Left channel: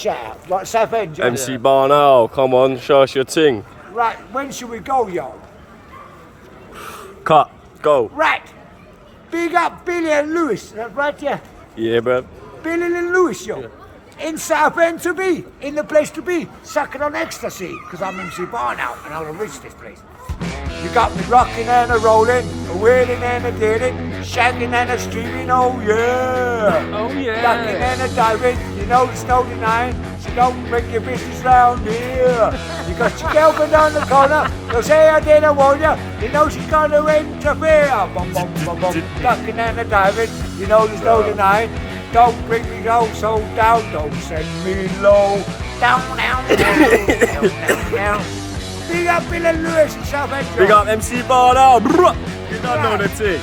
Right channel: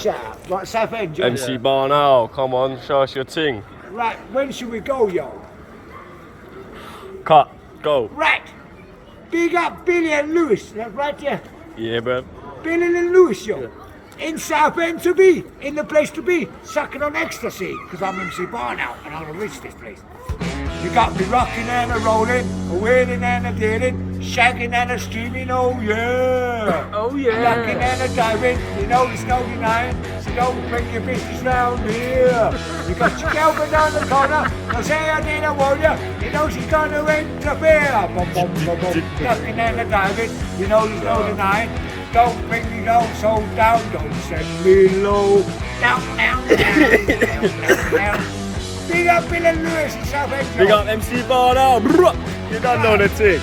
shout out. Right, Southend, yeah. MC Barn Owl, come on, show us your ting. Right, when should we go, yo? Cut, go. Right. Big up Billy and Lewis, that's right, yeah. Yeah, bruv. Billy and Lewis, yo. In Southend to be, in the place to be, sucking on ecstasy, because I'm MC Barn Owl and I'll reach this place. You got me rocking and a rolling, a wheeling and a dealing, shagging and a streaming, oh yeah. Oh yeah. Ducking and a diving, you know there's no denying, so don't bring your business round here. You got your girlfriend down the corner, they say I didn't want you, you know she's gonna interfere. Bum, bum, bum, bum. Ducking and a diving, you know there's no denying, don't bring me down so down, don't send me low. Down, down, down, down, down, down. Big up Bill and Lewis in Southend. Big up MC Barn Owl. You don't know the ting.